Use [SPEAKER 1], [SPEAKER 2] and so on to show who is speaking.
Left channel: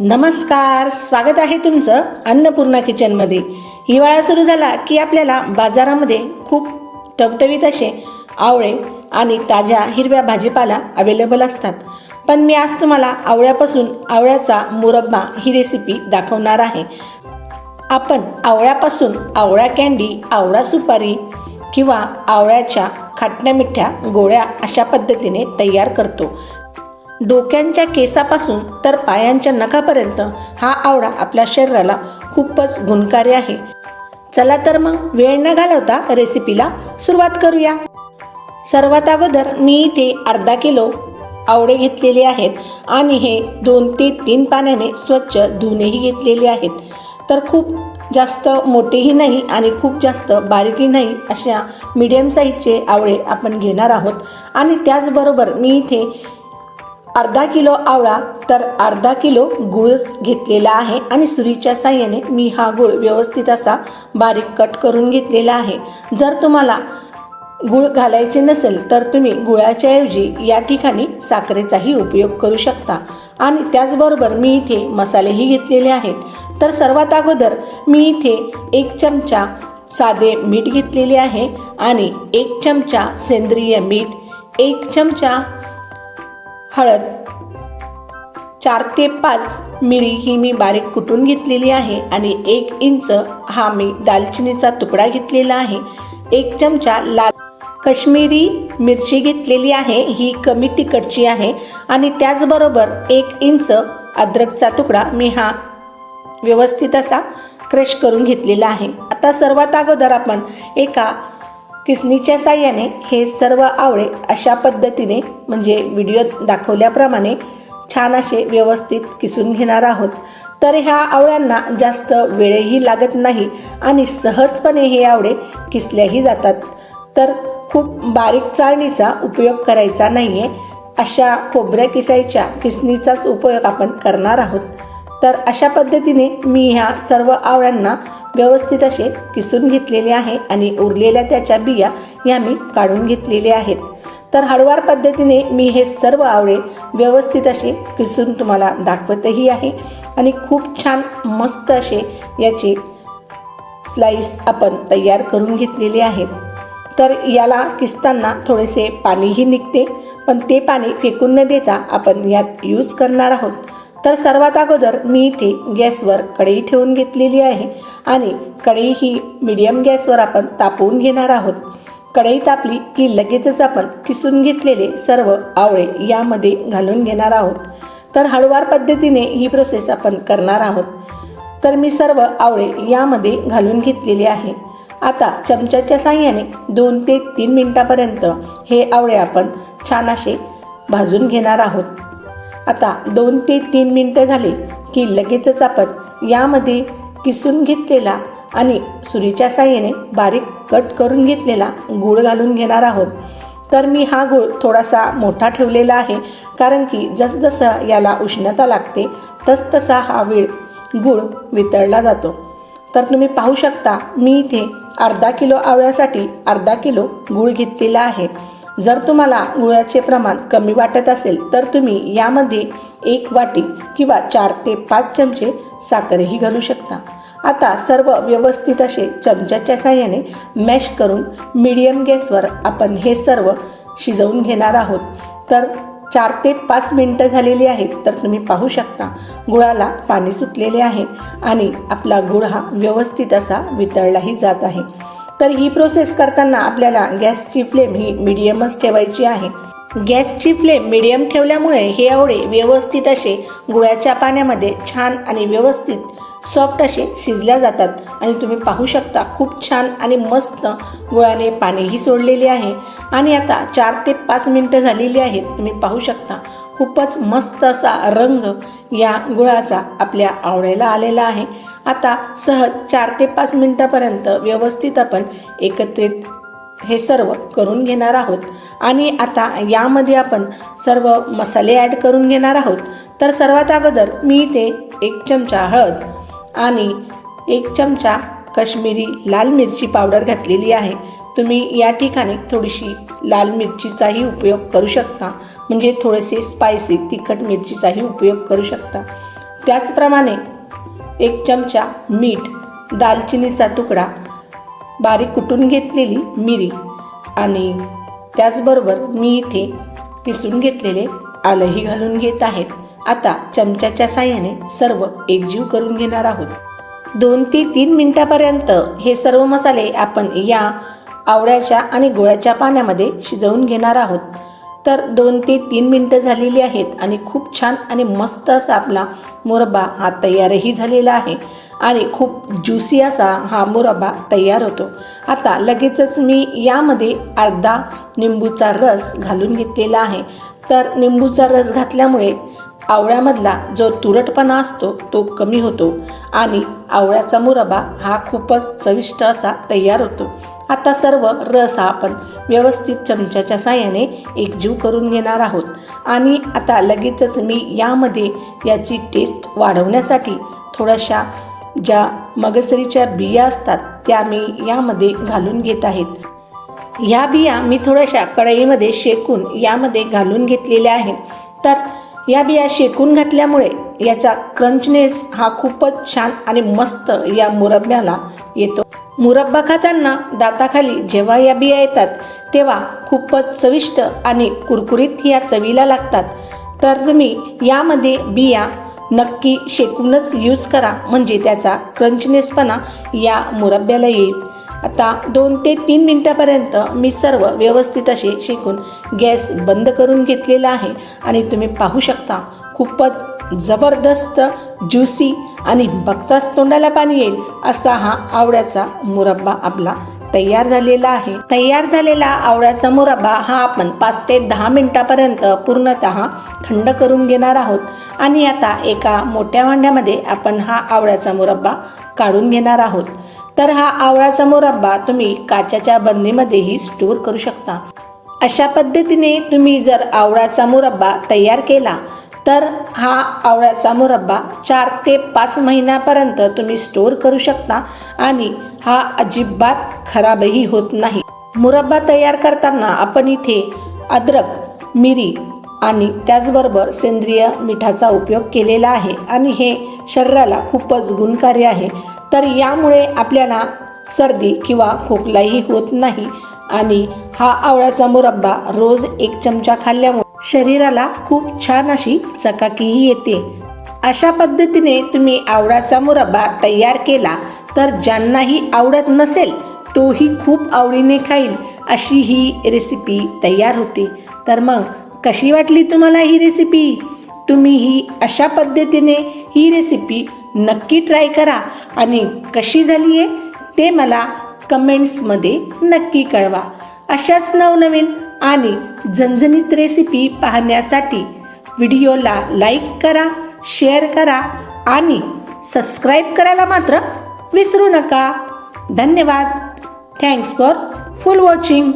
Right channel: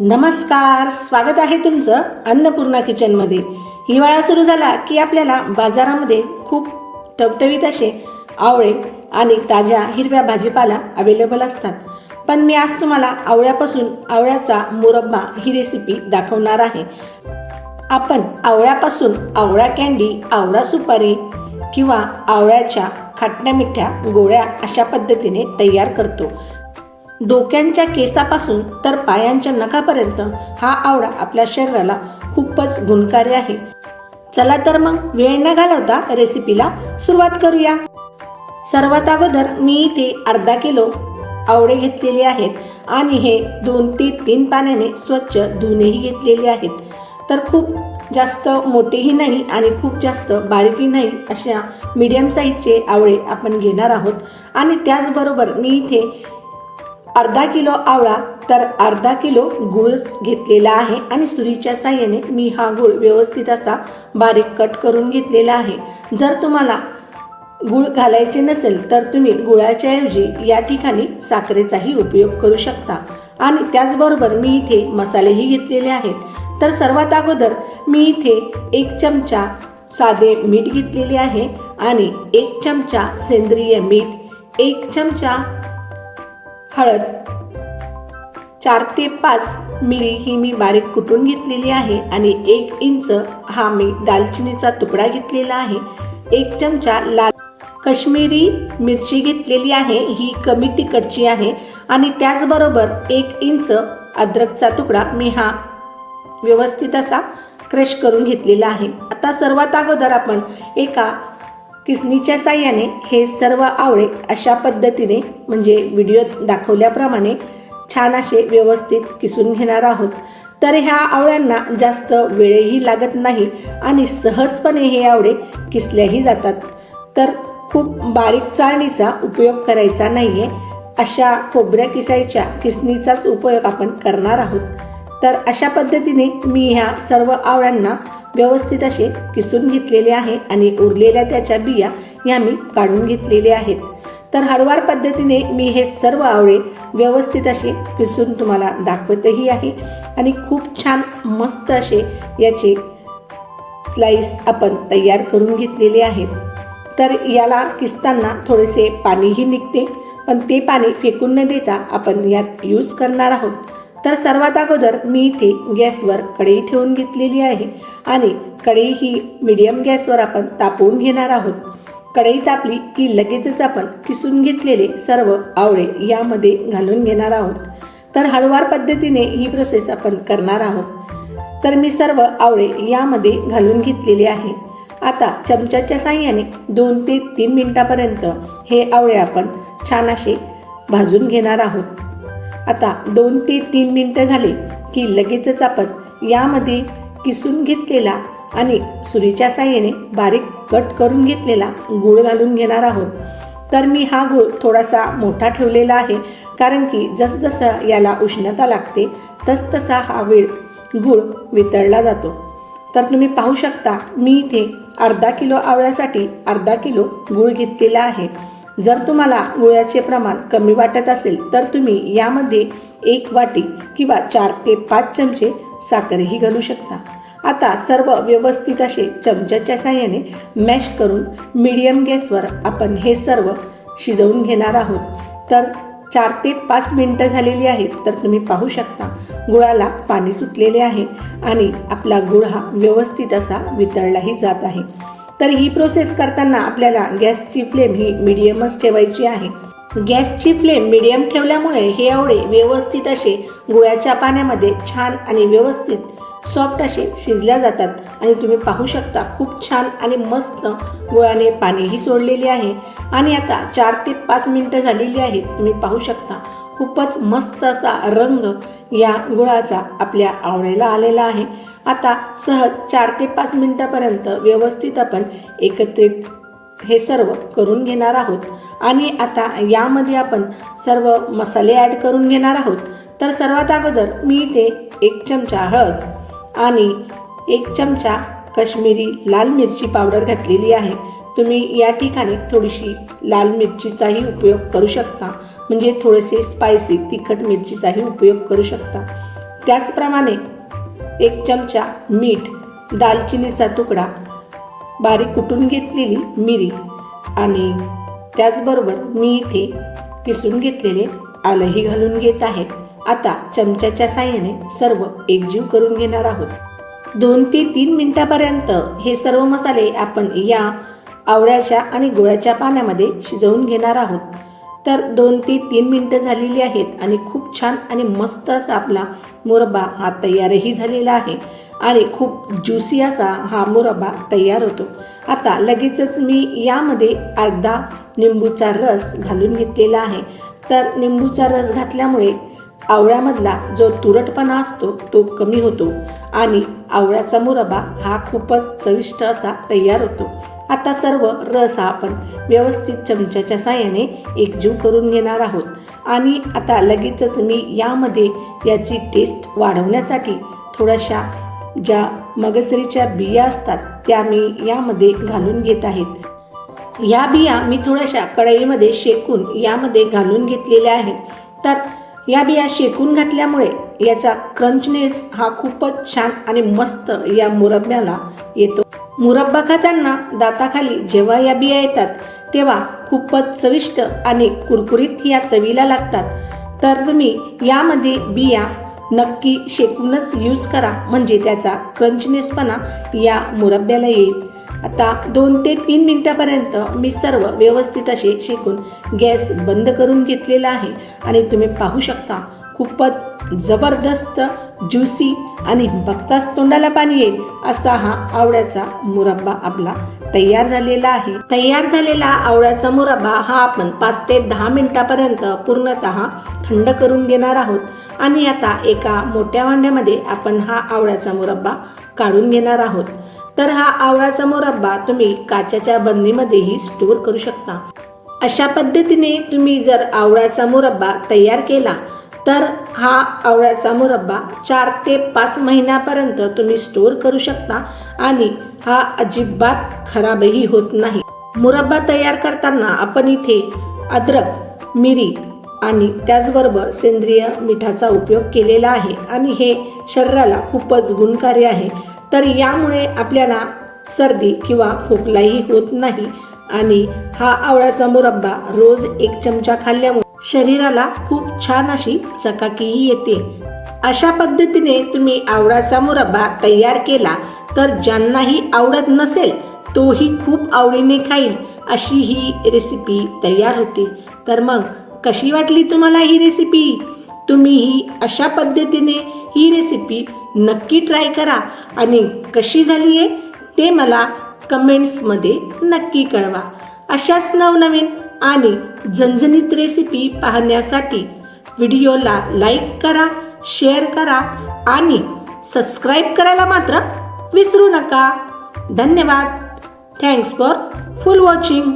[SPEAKER 1] नमस्कार स्वागत आहे तुमचं अन्नपूर्णा किचनमध्ये. हिवाळा सुरू झाला की आपल्याला बाजारामध्ये खूप टवटवीत असे आवळे आणि ताज्या हिरव्या भाजीपाला अवेलेबल असतात. पण मी आज तुम्हाला आवळ्यापासून आवळ्याचा मुरब्बा ही रेसिपी दाखवणार आहे. आपण आवळ्यापासून आवळा कँडी आवळा सुपारी किंवा आवळ्याच्या खाटण्या मिठ्या गोळ्या अशा पद्धतीने तयार करतो. डोक्यांच्या केसापासून तर पायांच्या नखापर्यंत हा आवळा आपल्या शरीराला खूपच गुणकारी आहे. चला तर मग वेळ न घालवता रेसिपीला सुरुवात करूया. सर्वात अगोदर मी इथे अर्धा किलो आवळे घेतलेले आहेत आणि हे दोन ते तीन पाण्याने स्वच्छ धुणेही घेतलेले आहेत. तर खूप जास्त मोठेही नाही आणि खूप जास्त बारीकही नाही अशा मीडियम साईजचे आवळे आपण घेणार आहोत. आणि त्याचबरोबर मी इथे अर्धा किलो आवळा तर अर्धा किलो गुळच घेतलेला आहे आणि सुरीच्या साह्याने मी हा गुळ व्यवस्थित असा बारीक कट करून घेतलेला आहे. जर तुम्हाला गुळ घालायचे नसेल तर तुम्ही गुळाच्याऐवजी या ठिकाणी साखरेचाही उपयोग करू शकता. आणि त्याचबरोबर मी इथे मसालेही घेतलेले आहेत. तर सर्वात अगोदर मी इथे एक चमचा साधे मीठ घेतलेले आहे आणि एक चमचा सेंद्रिय मीठ एक चमचा हळद. चार ते पाच मिरी ही मी बारीक कुटून घेतलेली आहे आणि एक इंच हा मी दालचिनीचा तुकडा घेतलेला आहे. एक चमचा लाल कश्मीरी मिरची घेतलेली आहे ही कमी तिखटची आहे आणि त्याचबरोबर एक इंच अद्रकचा तुकडा मी हा व्यवस्थित असा क्रश करून घेतलेला आहे. आता सर्वात अगोदर आपण एका किसनीच्या साह्याने हे सर्व आवळे अशा पद्धतीने म्हणजे व्हिडिओत दाखवल्याप्रमाणे छान असे व्यवस्थित किसून घेणार आहोत. तर ह्या आवळ्यांना जास्त वेळही लागत नाही आणि सहजपणे हे आवळे किसल्याही जातात. तर खूप बारीक चाळणीचा उपयोग करायचा नाही आहे अशा खोबऱ्या किसायच्या किसनीचाच उपयोग आपण करणार आहोत. तर अशा पद्धतीने मी ह्या सर्व आवळ्यांना व्यवस्थित असे किसून घेतलेले आहे आणि उरलेल्या त्याच्या बिया ह्या मी काढून घेतलेल्या आहेत. तर हळवार पद्धतीने मी हे सर्व आवळे व्यवस्थित असे किसून तुम्हाला दाखवतही आहे आणि खूप छान मस्त असे याचे स्लाईस आपण तयार करून घेतलेले आहेत. तर याला किसताना थोडेसे पाणीही निघते पण ते पाणी फेकून न देता आपण यात यूज करणार आहोत. तर सर्वात अगोदर मी इथे गॅसवर कढई ठेवून घेतलेली आहे आणि कढई ही मिडियम गॅसवर आपण तापवून घेणार आहोत. कढई तापली की लगेचच आपण किसून घेतलेले सर्व आवळे यामध्ये घालून घेणार आहोत. तर हळूवार पद्धतीने ही प्रोसेस आपण करणार आहोत. तर मी सर्व आवळे यामध्ये घालून घेतलेले आहे. आता चमच्याच्या साह्याने दोन ते तीन मिनटापर्यंत हे आवळे आपण छान असे भाजून घेणार आहोत. आता दोन ते तीन मिनटं झाली की लगेचच आपण यामध्ये किसून घेतलेला आणि सुरीच्या साह्याने बारीक कट करून घेतलेला गूळ घालून घेणार आहोत. तर मी हा गूळ थोडासा मोठा ठेवलेला आहे कारण की जसजसं याला उष्णता लागते तसतसा हा वेळ गूळ वितळला जातो. तर तुम्ही पाहू शकता मी इथे अर्धा किलो आवळ्यासाठी अर्धा किलो गूळ घेतलेला आहे. जर तुम्हाला गुळाचे प्रमाण कमी वाटत असेल तर तुम्ही यामध्ये एक वाटी किंवा चार ते पाच चमचे साखरही घालू शकता. आता सर्व व्यवस्थित असे चमच्याच्या साह्याने मॅश करून मीडियम गॅसवर आपण हे सर्व शिजवून घेणार आहोत. तर चार ते पाच मिनटं झालेली आहेत तर तुम्ही पाहू शकता गुळाला पाणी सुटलेले आहे आणि आपला गुळ हा व्यवस्थित असा वितळलाही जात आहे. तर ही प्रोसेस करताना आपल्याला गॅसची फ्लेम ही मिडियमच ठेवायची आहे. गॅसची फ्लेम मिडियम ठेवल्यामुळे हे आवळे व्यवस्थित असे गुळाच्या पाण्यामध्ये छान आणि व्यवस्थित सॉफ्ट असे शिजल्या जातात. आणि तुम्ही पाहू शकता खूप छान आणि मस्त गुळाने पाणीही सोडलेले आहे. आणि आता चार ते पाच मिनटं झालेली आहेत. तुम्ही पाहू शकता खूपच मस्त असा रंग या गुळाचा आपल्या आवळ्याला आलेला आहे. आता सहज चार ते पाच मिनटापर्यंत व्यवस्थित आपण एकत्रित हे सर्व करून घेणार आहोत. आणि आता यामध्ये आपण सर्व मसाले ॲड करून घेणार आहोत. तर सर्वात अगोदर मी इथे एक चमचा हळद आणि एक चमचा कश्मीरी लाल मिरची पावडर घातलेली आहे. तुम्ही या ठिकाणी थोडीशी लाल मिरचीचाही उपयोग करू शकता. म्हणजे थोडेसे स्पायसी तिखट मिरचीचाही उपयोग करू शकता. त्याचप्रमाणे एक चमचा मीठ दालचिनीचा तुकडा बारीक कुटून घेतलेली मिरी आणि त्याचबरोबर मी इथे किसून घेतलेले आलंही घालून घेत आहे. आता चमच्याच्या साह्याने सर्व एकजीव करून घेणार आहोत. दोन ते तीन मिनिटापर्यंत हे सर्व मसाले आपण या आवळ्याच्या आणि गोळ्याच्या पाण्यामध्ये शिजवून घेणार आहोत. तर दोन ते तीन मिनटं झालेली आहेत आणि खूप छान आणि मस्त असा आपला मुरब्बा हा तयारही झालेला आहे. आणि खूप ज्युसी असा हा मुरब्बा तयार होतो. आता लगेचच मी यामध्ये अर्धा निंबूचा रस घालून घेतलेला आहे. तर निंबूचा रस घातल्यामुळे आवळ्यामधला जो तुरटपणा असतो तो कमी होतो आणि आवळ्याचा मुरब्बा हा खूपच चविष्ट असा तयार होतो. आता सर्व रस हा आपण व्यवस्थित चमच्याच्या साह्याने एकजीव करून घेणार आहोत. आणि आता लगेचच मी यामध्ये याची टेस्ट वाढवण्यासाठी थोड्याशा ज्या मगसरीच्या बिया असतात त्या मी यामध्ये घालून घेत आहेत ह्या बिया मी थोड्याशा कढईमध्ये शेकून यामध्ये घालून घेतलेल्या आहेत. तर या बिया शेकून घातल्यामुळे याचा क्रंचनेस हा खूपच छान आणि मस्त या मुरब्ब्याला येतो. मुरब्बा खाताना दाताखाली जेव्हा या बिया येतात तेव्हा खूपच चविष्ट आणि कुरकुरीत या चवीला लागतात. तर तुम्ही यामध्ये बिया नक्की शेकूनच यूज करा म्हणजे त्याचा क्रंचनेसपणा या मुरब्ब्याला येईल. आता दोन ते तीन मिनटापर्यंत मी सर्व व्यवस्थित असे शेकून गॅस बंद करून घेतलेला आहे. आणि तुम्ही पाहू शकता खूपच जबरदस्त ज्युसी आणि बघताच तोंडाला पाणी येईल असा हा आवळ्याचा मुरब्बा आपला तयार झालेला आहे. तयार झालेला आवळ्याचा मुरब्बा हा आपण पाच ते दहा मिनिटापर्यंत पूर्णतः थंड करून घेणार आहोत. आणि आता एका मोठ्या भांड्यामध्ये आपण हा आवळ्याचा मुरब्बा काढून घेणार आहोत. तर हा आवळाचा मुरब्बा तुम्ही काचेच्या बरणीमध्येही स्टोअर करू शकता. अशा पद्धतीने तुम्ही जर आवळाचा मुरब्बा तयार केला तर हा आवळ्याचा मुरब्बा चार ते पाच महिन्यापर्यंत तुम्ही स्टोअर करू शकता आणि हा अजिबात खराबही होत नाही. मुरब्बा तयार करताना आपण इथे अद्रक मिरी आणि त्याचबरोबर सेंद्रिय मिठाचा उपयोग केलेला आहे आणि हे शरीराला खूपच गुणकारी आहे. तर यामुळे आपल्याला सर्दी किंवा खोकलाही होत नाही आणि हा आवळ्याचा मुरब्बा रोज एक चमचा खाल्ल्यामुळे शरीराला खूप छान अशी चकाकीही येते. अशा पद्धतीने तुम्ही आवडाचा मुरब्बा तयार केला तर ज्यांनाही आवडत नसेल तोही खूप आवडीने खाईल अशी ही रेसिपी तयार होते. तर मग कशी वाटली तुम्हाला ही रेसिपी तुम्हीही अशा पद्धतीने ही रेसिपी नक्की ट्राय करा आणि कशी झाली आहे ते मला कमेंट्समध्ये नक्की कळवा. अशाच नवनवीन आणि झणझणीत रेसिपी पाहण्यासाठी व्हिडिओला लाईक करा शेअर करा आणि सबस्क्राईब करायला मात्र विसरू नका. धन्यवाद. Thanks for full watching